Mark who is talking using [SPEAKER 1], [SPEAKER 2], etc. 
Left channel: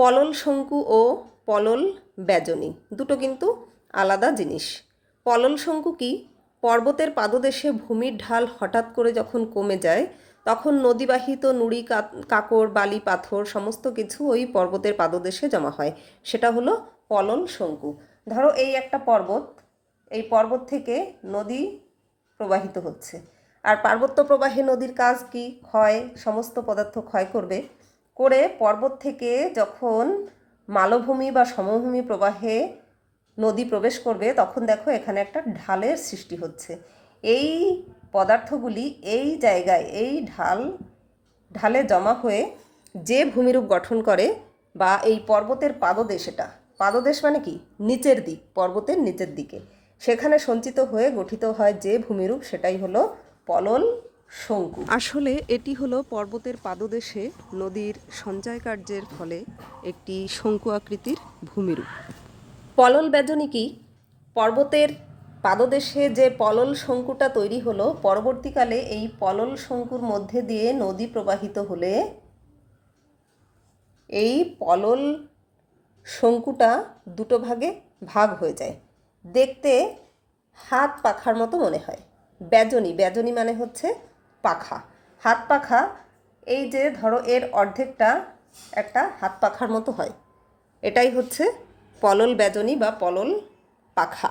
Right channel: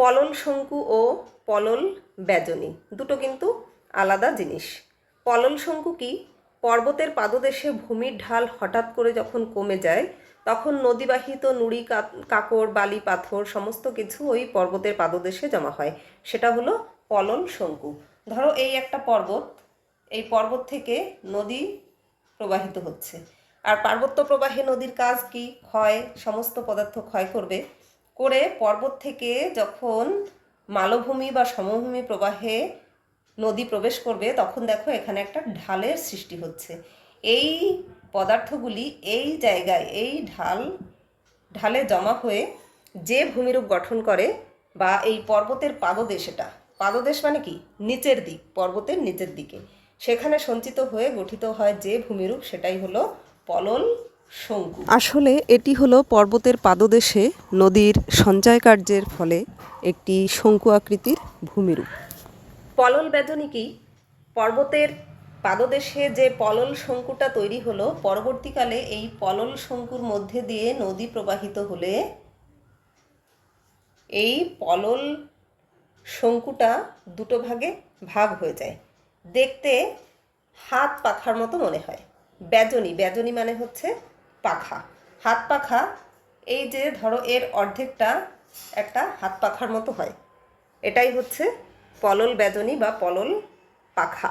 [SPEAKER 1] পলল শঙ্কু ও পলল ব্যজনী। দুটো কিন্তু আলাদা জিনিস। পলল শঙ্কু কি? পর্বতের পাদদেশে ভূমির ঢাল হঠাৎ করে যখন কমে যায়, তখন নদীবাহিত নুড়ি কাকড়, বালি, পাথর সমস্ত কিছু ওই পর্বতের পাদদেশে জমা হয়। সেটা হলো পলল শঙ্কু। ধরো এই একটা পর্বত, এই পর্বত থেকে নদী প্রবাহিত হচ্ছে। আর পার্বত্য প্রবাহে নদীর কাজ কি? ক্ষয়, সমস্ত পদার্থ ক্ষয় করবে। করে পর্বত থেকে যখন মালভূমি বা সমভূমি প্রবাহে নদী প্রবেশ করবে, তখন দেখো এখানে একটা ঢালের সৃষ্টি হচ্ছে। এই পদার্থগুলি এই জায়গায়, এই ঢাল, ঢালে জমা হয়ে যে ভূমিরূপ গঠন করে বা এই পর্বতের পাদদেশ এটা। পাদদেশ মানে কি? নিচের দিক, পর্বতের নিচের দিকে। সেখানে সঞ্চিত হয়ে গঠিত হয় যে ভূমিরূপ, সেটাই হলো পলল। আসলে এটি হলো পর্বতের পাদদেশে নদীর সঞ্চয় কার্যের ফলে একটি শঙ্কু আকৃতির ভূমিরূপ। পলল ব্যজনী কি? পর্বতের পাদদেশে যে পলল শঙ্কুটা তৈরি হলো পরবর্তীকালে এই পলল শঙ্কুর মধ্যে দিয়ে নদী প্রবাহিত হলে এই পলল শঙ্কুটা দুটো ভাগে ভাগ হয়ে যায়। দেখতে হাত পাখার মতো মনে হয়। ব্যজনী ব্যজনী মানে হচ্ছে পাখা। হাত পাখা, এই যে ধরো এর অর্ধেকটা একটা হাত পাখার মতো হয়। এটাই হচ্ছে পলল বেদনী বা পলল পাখা।